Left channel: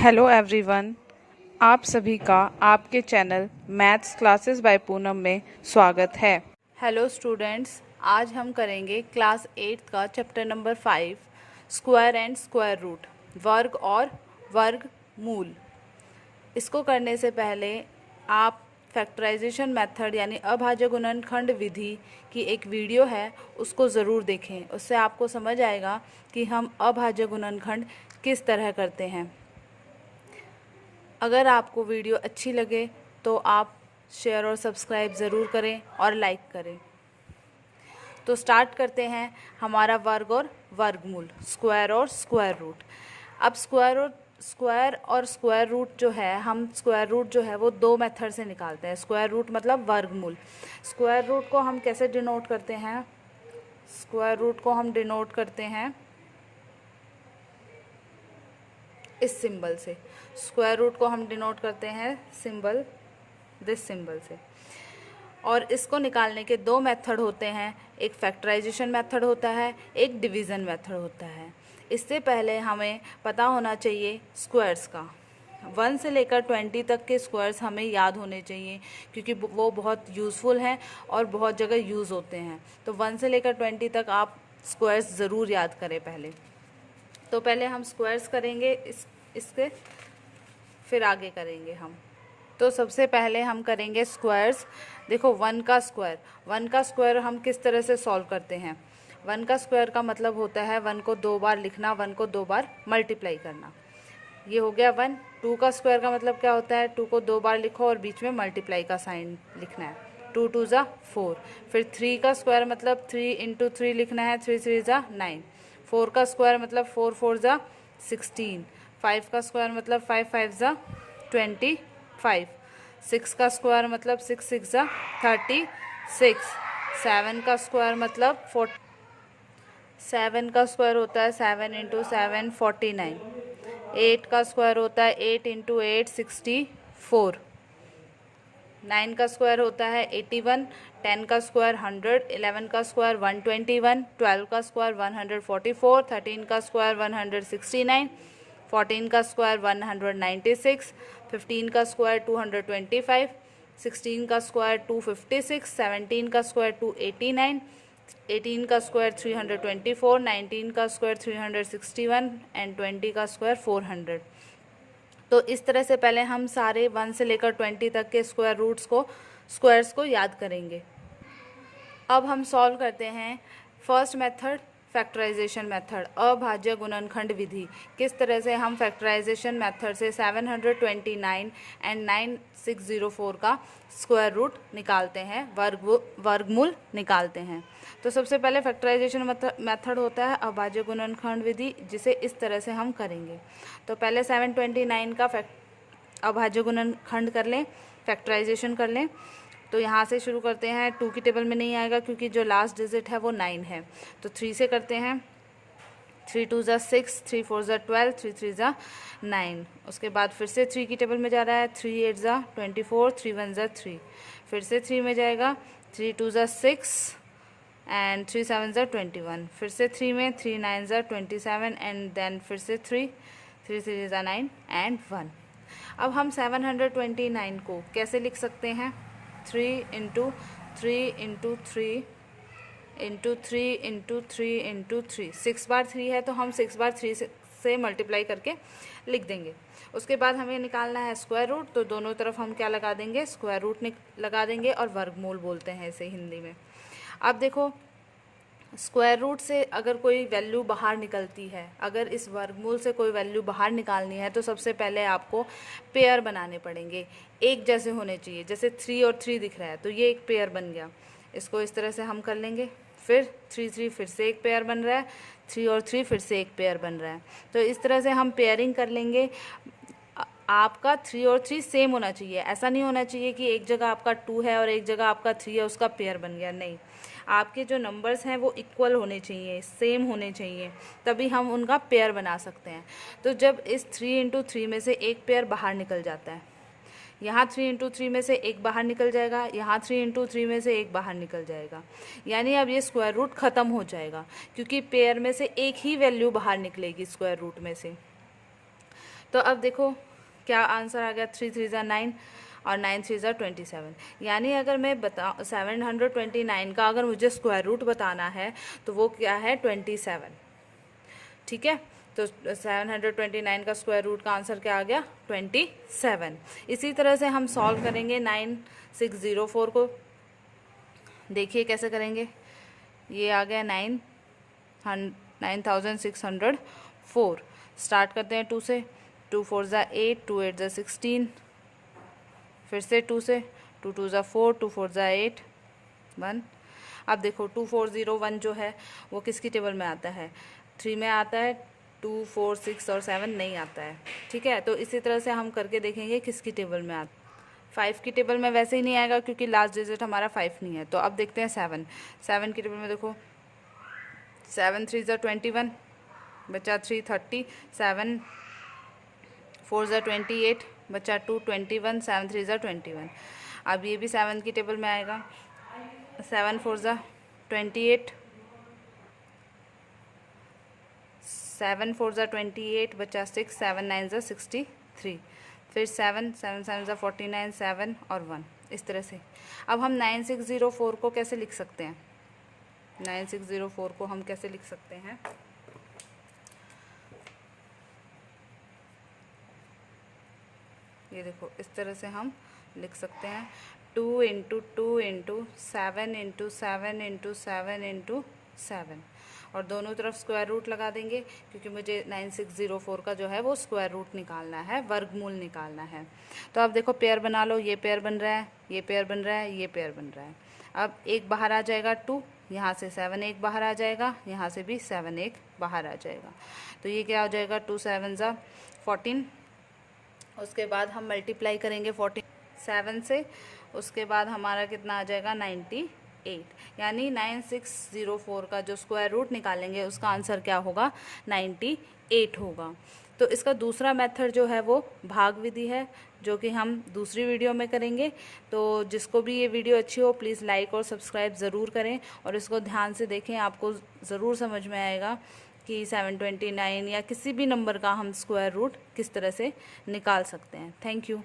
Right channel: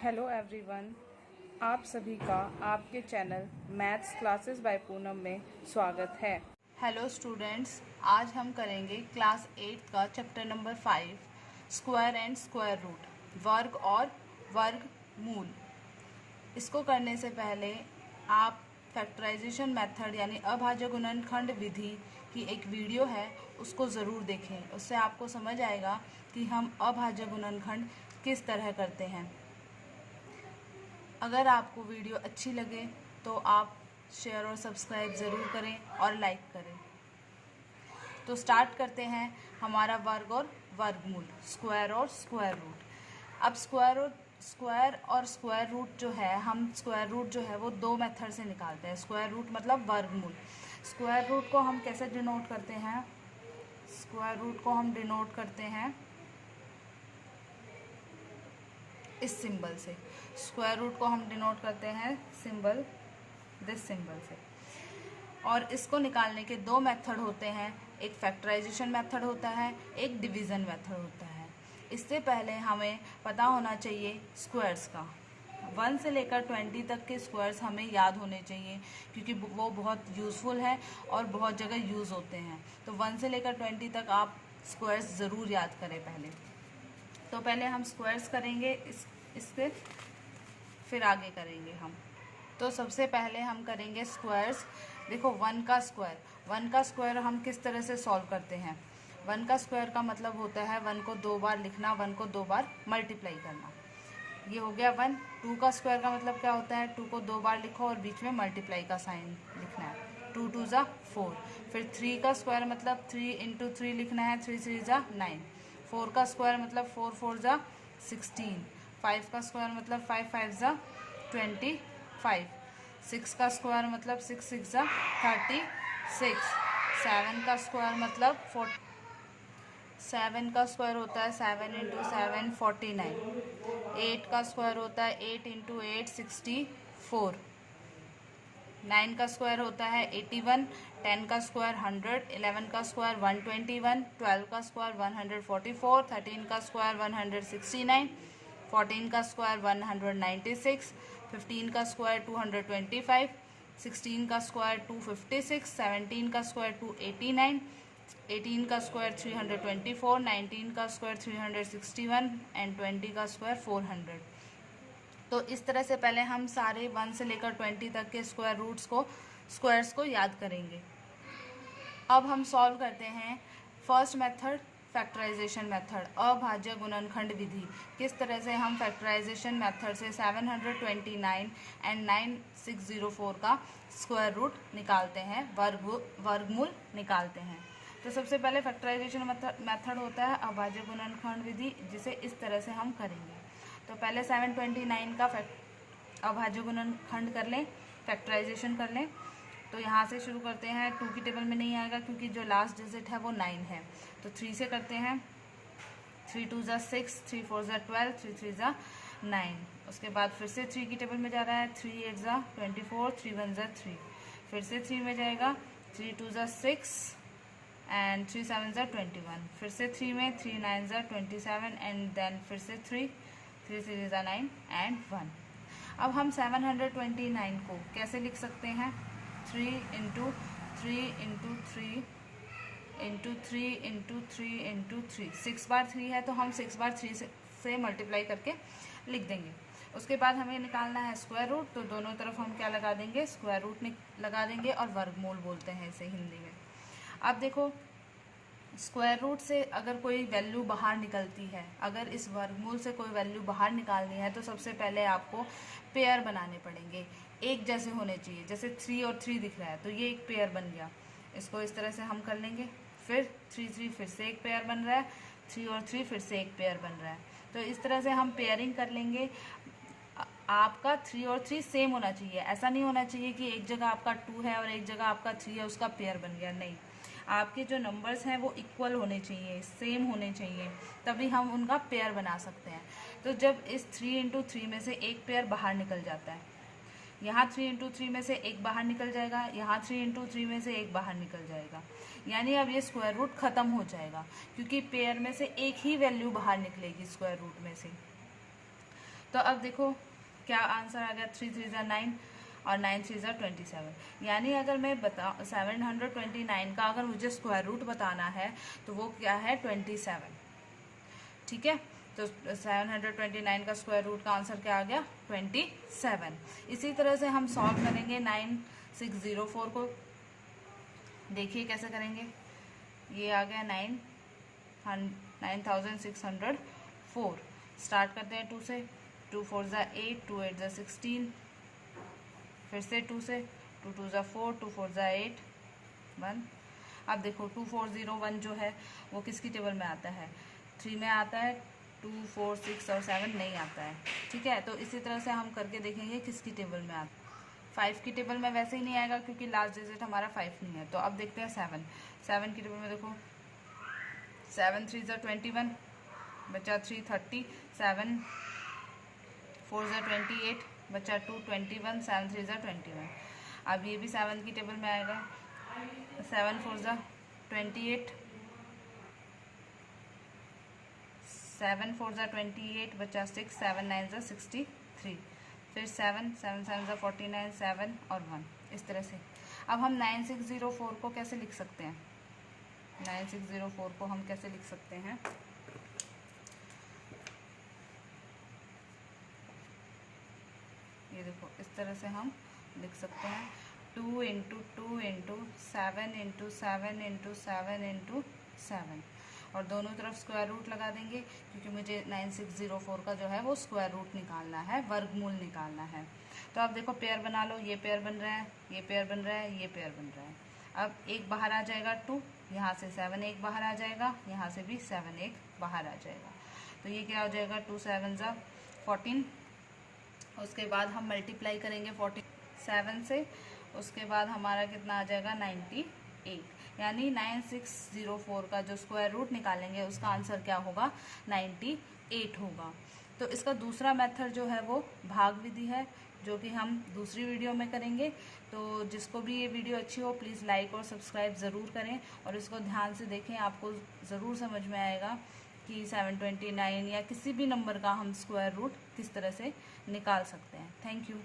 Hello everyone. आप सभी का आपके channel maths classes bye Poonam में स्वागत है। हेलो स्टूडेंट्स, आज हम करेंगे क्लास 8 का chapter number 5 square and square root, वर्ग और वर्गमूल। इसको करने से पहले आप फैक्टराइजेशन मेथड यानी अभाज्य गुणनखंड विधि की एक वीडियो है, उसको ज़रूर देखें। उससे आपको समझ आएगा कि हम अभाज्य गुणनखंड किस तरह करते हैं। अगर आपको वीडियो अच्छी लगे तो आप शेयर और सब्सक्राइब ज़रूर करें और लाइक करें। तो स्टार्ट करते हैं हमारा वर्ग और वर्गमूल, स्क्वायर और स्क्वायर रूट। अब स्क्वायर और स्क्वायर रूट जो है, हम स्क्वायर रूट जो है वो दो मेथड से निकालते हैं। स्क्वायर रूट मतलब वर्गमूल। स्क्वायर रूट को हम कैसे डिनोट करते हैं? स्क्वायर रूट को हम डिनोट करते हैं इस सिंबल से। स्क्वायर रूट को हम डिनोट करते हैं सिंबल, दिस सिंबल से। और इसको निकालने के दो मेथड होते हैं, एक फैक्टराइजेशन मेथड होता है, एक डिवीज़न मेथड होता है। इससे पहले हमें पता होना चाहिए स्क्वायर्स का। 1 से लेकर 20 तक के स्क्वायर्स हमें याद होने चाहिए, क्योंकि वो बहुत यूज़फुल हैं और बहुत जगह यूज़ होते हैं। तो 1 से लेकर 20 तक आप स्क्वायर्स ज़रूर याद करें पहले। तो पहले हम स्क्वायर्स करेंगे इसके, फिर आगे करेंगे हम। तो सबसे पहले हम करेंगे स्क्वायर्स। देखो 1 का स्क्वायर हम किस तरह से सॉल्व करते हैं? 1 का स्क्वायर का मतलब होता है 1 को 2 बार लिखना, 1 को 2 बार मल्टीप्लाई करना। ये हो गया 1। 2 का स्क्वायर का मतलब क्या होता है? 2 को 2 बार लिखो और बीच में मल्टीप्लाई का साइन लिखना है। 2 2 ज़ा 4। फिर 3 का स्क्वायर मतलब 3 इंटू 3 लिखना है, 3 3 ज़ा 9। 4 का स्क्वायर मतलब 4 4 ज़ा 16। 5 का स्क्वायर मतलब 5 5 ज़ा 25। 6 का स्क्वायर मतलब 6 6 ज़ा 36। 7 का स्क्वायर मतलब 7 का स्क्वायर होता है 7 इंटू 7 49। 8 का स्क्वायर होता है 8 इंटू 8 64। 9 का स्क्वायर होता है 81। 10 का स्क्वायर 100। 11 का स्क्वायर 121। 12 का स्क्वायर 144। 13 का स्क्वायर 169। 14 का स्क्वायर 196। 15 का स्क्वायर 225। 16 का स्क्वायर 256। 17 का स्क्वायर 289। 18 का स्क्वायर 324। 19 का स्क्वायर 361 एंड 20 का स्क्वायर 400। तो इस तरह से पहले हम सारे 1 से लेकर 20 तक के स्क्वायर्स को याद करेंगे। अब हम सॉल्व करते हैं फर्स्ट मेथड, फैक्टराइजेशन मेथड, अभाज्य गुणनखंड विधि। किस तरह से हम फैक्टराइजेशन मेथड से 729 एंड 9604 का स्क्वायर रूट निकालते हैं, वर्गमूल निकालते हैं। तो सबसे पहले फैक्टराइजेशन मेथड होता है अभाज्य गुणनखंड विधि, जिसे इस तरह से हम करेंगे। तो पहले 729 का अभाज्य गुणनखंड कर लें, फैक्टराइजेशन कर लें। तो यहाँ से शुरू करते हैं। 2 की टेबल में नहीं आएगा क्योंकि जो लास्ट डिजिट है वो 9 है। तो 3 से करते हैं। 3 2 ज़ा 6, 3 4 ज़ा 12, 3 3 ज़ा 9। उसके बाद फिर से 3 की टेबल में जा रहा है। 3 8 ज़ा 24, 3 1 ज़ा 3। फिर से 3 में जाएगा। 3 2 ज़ा 6 एंड 3 7 ज़ा 21। फिर से 3 में 3 9 ज़ा 27 एंड देन फिर से 3 3 3 ज़ा 9 एंड 1। अब हम 729 को कैसे लिख सकते हैं? 3 into 3 into 3 into 3 into 3 into 3। 6 बार 3 है तो हम 6 बार 3 से मल्टीप्लाई करके लिख देंगे। उसके बाद हमें निकालना है स्क्वायर रूट। तो दोनों तरफ हम क्या लगा देंगे? स्क्वायर रूट लगा देंगे, और वर्गमूल बोलते हैं इसे हिंदी में। अब देखो, स्क्वायर रूट से अगर कोई वैल्यू बाहर निकलती है, अगर इस वर्गमूल से कोई वैल्यू बाहर निकालनी है, तो सबसे पहले आपको पेयर बनाने पड़ेंगे। एक जैसे होने चाहिए। जैसे 3 और 3 दिख रहा है तो ये एक पेयर बन गया। इसको इस तरह से हम कर लेंगे। फिर 3 3 फिर से एक पेयर बन रहा है, 3 और 3 फिर से एक पेयर बन रहा है। तो इस तरह से हम पेयरिंग कर लेंगे। आपका 3 और 3 सेम होना चाहिए। ऐसा नहीं होना चाहिए कि एक जगह आपका 2 है और एक जगह आपका 3 है, उसका पेयर बन गया। नहीं, आपके जो नंबर्स हैं वो इक्वल होने चाहिए, सेम होने चाहिए, तभी हम उनका पेयर बना सकते हैं। तो जब इस 3 इंटू 3 में से एक पेयर बाहर निकल जाता है, यहाँ 3 इंटू 3 में से एक बाहर निकल जाएगा, यहाँ 3 इंटू 3 में से एक बाहर निकल जाएगा, यानी अब ये स्क्वायर रूट ख़त्म हो जाएगा, क्योंकि पेयर में से एक ही वैल्यू बाहर निकलेगी स्क्वायर रूट में से। तो अब देखो क्या आंसर आ गया, 3 3 ज़ा 9 और 9 3 ज़ा 27। यानी अगर मैं 729 का अगर मुझे स्क्वायर रूट बताना है तो वो क्या है, 27। ठीक है, तो 729 का स्क्वायर रूट का आंसर क्या आ गया, 27। इसी तरह से हम सॉल्व करेंगे 9604 को। देखिए कैसे करेंगे, ये आ गया 9604। स्टार्ट करते हैं 2 से, 2 4 ज़ा 8, 2 8 ज़ा 16, फिर से 2 से, 2 2 ज़ा 4, 2 4 ज़ा 8, 1। अब देखो 2401 जो है वो किसकी टेबल में आता है, 3 में आता है, 2 4 6 और 7 नहीं आता है। ठीक है, तो इसी तरह से हम करके देखेंगे किसकी टेबल में आता है। 5 की टेबल में वैसे ही नहीं आएगा क्योंकि लास्ट डिजिट हमारा 5 नहीं है। तो अब देखते हैं 7 की टेबल में। देखो 7 3 ज़ा 21, बचा 3 30, 7 4 ज़ा 28, बचा 2 21, 7 3 ज़ा 21। अब ये भी 7 की टेबल में आएगा, 7 4 ज़ा 28, 7 4 ज़ा 28, बचा 6, 7 9 ज़ा 63, फिर 7 7 7 ज़ा 49, 7 और 1। इस तरह से अब हम 9604 को कैसे लिख सकते हैं, 9604 को हम कैसे लिख सकते हैं, ये देखो इस तरह से हम लिख सकते हैं, 2 × 2 × 7 × 7 × 7 × 7, और दोनों तरफ स्क्वायर रूट लगा देंगे क्योंकि मुझे 9604 का जो है वो स्क्वायर रूट निकालना है, वर्गमूल निकालना है। तो अब देखो पेयर बना लो, ये पेयर बन रहा है, ये पेयर बन रहा है, ये पेयर बन रहा है। अब एक बाहर आ जाएगा 2, यहाँ से 7 एक बाहर आ जाएगा, यहाँ से भी 7 एक बाहर आ जाएगा। तो ये क्या हो जाएगा, 2 7 ज़ा 14। उसके बाद हम मल्टीप्लाई करेंगे 47 से, उसके बाद हमारा कितना आ जाएगा, 98। यानी 9604 का जो स्क्वायर रूट निकालेंगे उसका आंसर क्या होगा, 98 होगा। तो इसका दूसरा मेथड जो है वो भाग विधि है, जो कि हम दूसरी वीडियो में करेंगे। तो जिसको भी ये वीडियो अच्छी हो प्लीज़ लाइक और सब्सक्राइब ज़रूर करें और इसको ध्यान से देखें, आपको ज़रूर समझ में आएगा कि 729 या किसी भी नंबर का हम स्क्वायर रूट किस तरह से निकाल सकते हैं। Thank you.